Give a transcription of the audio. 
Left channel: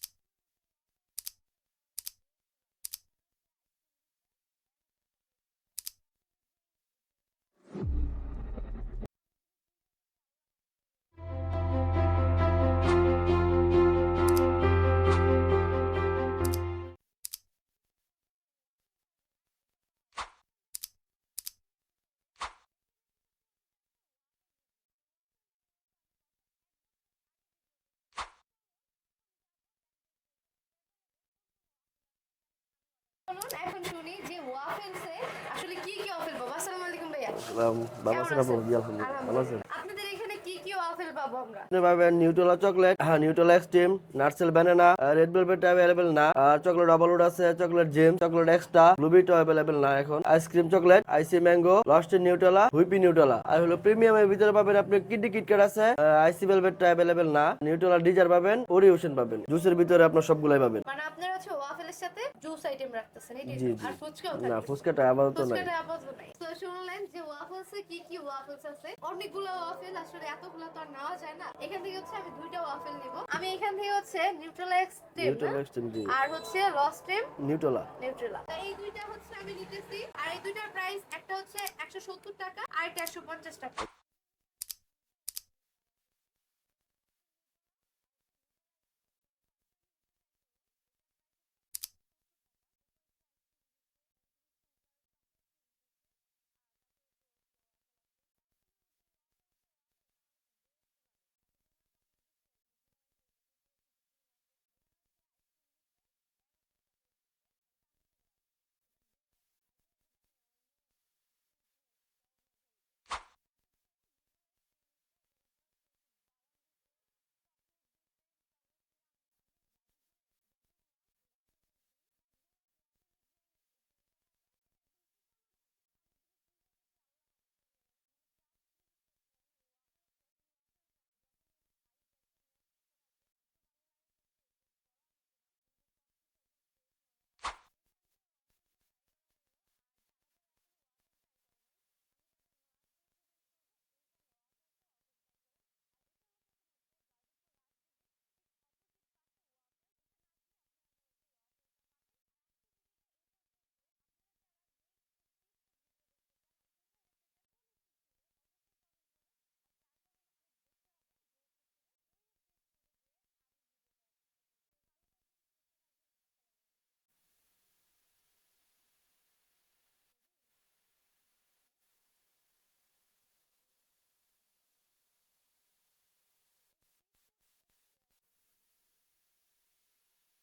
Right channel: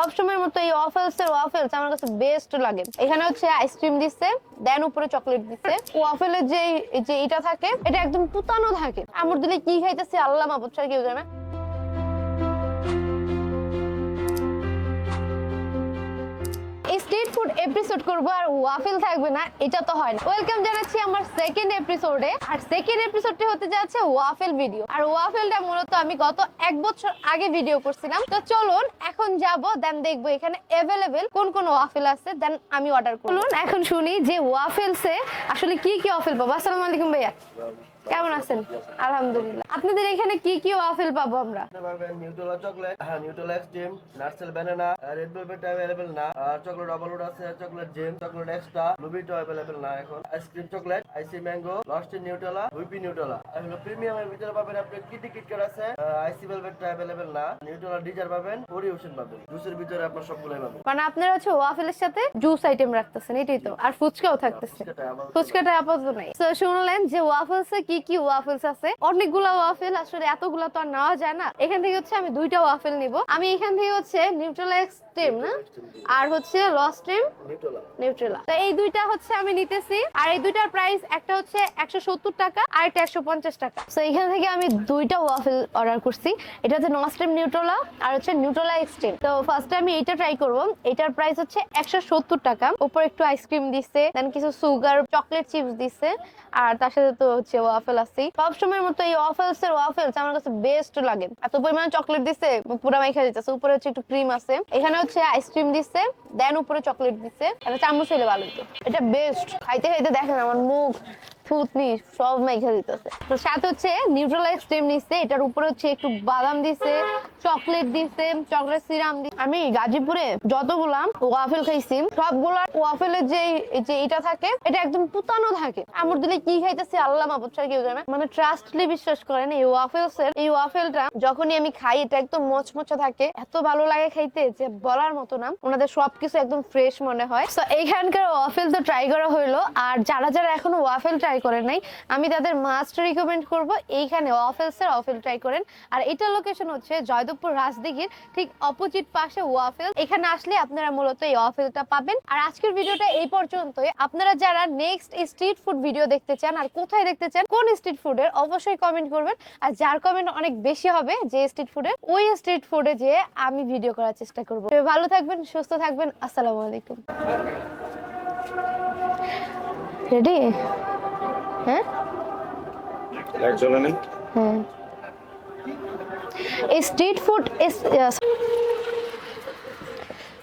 সবসময়ের মতো এই ওয়াফেলস এর ওয়াফেলস আমার কাছে বেস্ট লাগে। এখানে হচ্ছে আইসক্রিম দিচ্ছে দেন উপরে চকলেট দিচ্ছে। ওয়াফেলের যে যে এটা থাকে, এটা একদম পুতানো থাকে। আমার দিলে কি খাইতেছে আল্লাহ মাবুদ ছাড়া কেউ জানে। এপিসোড করব আর ওয়াফেল থাকবে না এটা তো হয় না। ওয়েলকাম জানাচ্ছি আমার সেকেন্ড এপিসোডে আর সেকেন্ড এপিসোডটি হতে যাচ্ছে ওয়াফেল ভিডিও আর ওয়াফেলটা মূলত আমি গত এক বছর আগে ভিডিও করছিলাম। তো চলুন এখন যাব দেন দেখব এখানে অ্যাভেলেবেল কোন কোন ওয়াফেল আছে দেন আমি অর্ডার করব। চলুন এখন শুনি যে ওয়াফেলসে আসলে কি কি ওয়াফেল পাবো। আসসালামু আলাইকুম ভাইয়া। কেমন আছেন আলহামদুলিল্লাহ। আপনাদের এখানে কি কি ওয়াফেল পাবো আমরা? আপনি পাবেন নিউট্রেলা চকলেট হ্যাঁ Nutrela extreme nutshell banana red velvet available না আর চকলেট ডাবল উড আছে চকলেট জেম চকলেট এক্সট্রা ব্লুবিটো অ্যাভেলেবেল না এখন। Ice cream chocolate icy mango lost Nutrela whippy Nutrela আর হলো প্রিমিয়াম এর ভিতরে পাবেন আপনি কিডনি কিটক্যাট আছে আইসি ভেলভেট অ্যাভেলেবেল না। নিউট্রেলা ডিজার পাবেন ওরি ওশন পাবেন। জুসের ভিতরে আপনার সবগুলাই পাবেন। মানে আপনারা হচ্ছে ওয়াফেলের সাথে জুস আইটেম রাখতেছেন এটাই তো। আর ফুচকাও থাকতেছে। ফুচকাটা আপাতত নাই। ফুচকাটা আপাতত নাই। তো শুনলেন যে ওয়াফেলসে কি কি ওয়াফেলস আছে? অনেকগুলা ওয়াফেল আসলে এতগুলা তো আর নেওয়া যায় না। এখান থেকে হচ্ছে আমি দুইটা ওয়াফেল নিব। আমি এখান থেকে হচ্ছে নিউট্রাল এক্সট্রিম না। আর হচ্ছে লস্ট্রিম নিউট্রেলা নিউট্রেলা তো এই দুইটা হচ্ছে আমি নিতেছি। আর এই দুইটার প্রাইস একটা হচ্ছে একশো সত্তর টাকা আর একটা একশো পঞ্চাশ টাকা। তো এখান থেকে আমি দুইটা ওয়াফেল অর্ডার করছি। এটা হচ্ছে নস্ট্রিম নিউট্রোলা আর হচ্ছে নিউট্রোলা এক্সট্রিম তো ফার্স্টে আমি এইটা ট্রাই করব। এটার প্রাইস হচ্ছে একশো সত্তর টাকা। উপর একটু আইসক্রিম দিচ্ছে দেন কিছু সুগার চকলেট চিপস দিচ্ছে আর তার সাথে তো হচ্ছে ওয়াফেল আছে সবসময়ের মতো এই ওয়াফেলস এর ওয়াফেলস আমার কাছে বেস্ট লাগে। এত পরিমাণে চকলেট দিছে পুরা মাইখা দিতেছে উপরে হচ্ছে একটু ক্রিম আছে। এখানে হচ্ছে আইসক্রিম দিছে দেন উপরে চকলেট দিচ্ছে এটা চামচ হইলে ভালো হতো এটা বেস্ট খাইতে খাইতে দেখেন আমার মুখ সব দিতেছে। তো সাথে হচ্ছে নিউট্রাল স্টেম নিচ্ছে, এটার উপরে হচ্ছে একটু বাদাম দিছে চকলেট দিছে চকলেট সিরাম আমি গাজীপুরে যতগুলা ওয়াফেল খাইছি, সবগুলা ওয়াফেলের যে যে এটা থাকে, এটা একদম পুতানো থাকে। আমর দিলে কি খাইতেছে আল্লাহ মাবুদ ছাড়া কেউ জানে মানে ট্রাস্টলি বিশ্বাস করেন, এই ওয়াফেলস এর এই ওয়াফেলটা যখনই আমি খাই, এটা একদম মচমচে থাকে। এত ভালো লাগে খাইতে যে বলার মতো না। ওনাদের সবকিছু একদম ফ্রেশ মনে হয়। তো এইখানকার ওয়াফেল তো ট্রাই করা হইল। আর যারা যারা এখন ওয়াফেল ট্রাই করেন নাই। আমি তাদের মাস্ট রিকমেন্ড করব, এইখানে ওয়াফেলস এর ওয়াফেল ট্রাই করেন। আর এটা লোকেশন হচ্ছে জয়দেবপুর রাজদিঘির ঠিক অপোজিট পাশে ওয়াফেল এখানে আসলে আপনারা মূলত এই ওয়াফেলটা পাবেন। আর আজকের ভিডিওটা এই পর্যন্তই। আপনারা যারা নেক্সট স্ট্রিট ফুড ভিডিও দেখতে চান আর কোথায় দেখতে চান, কোন স্ট্রিট ফুডের অবশ্যই কমেন্ট করবেন। আর যার কমেন্ট অনেক বেশি হবে যে স্ট্রিট ফুডের ওই স্ট্রিট ফুডে যে আমি ভিডিও করার চেষ্টা করব। ভালো থাকবেন, সুস্থ থাকবেন। আসসালামু আলাইকুম। রেডি হ্যাঁ লাইট চলে নেই হ্যাঁ এই স্ট্রিট ফুড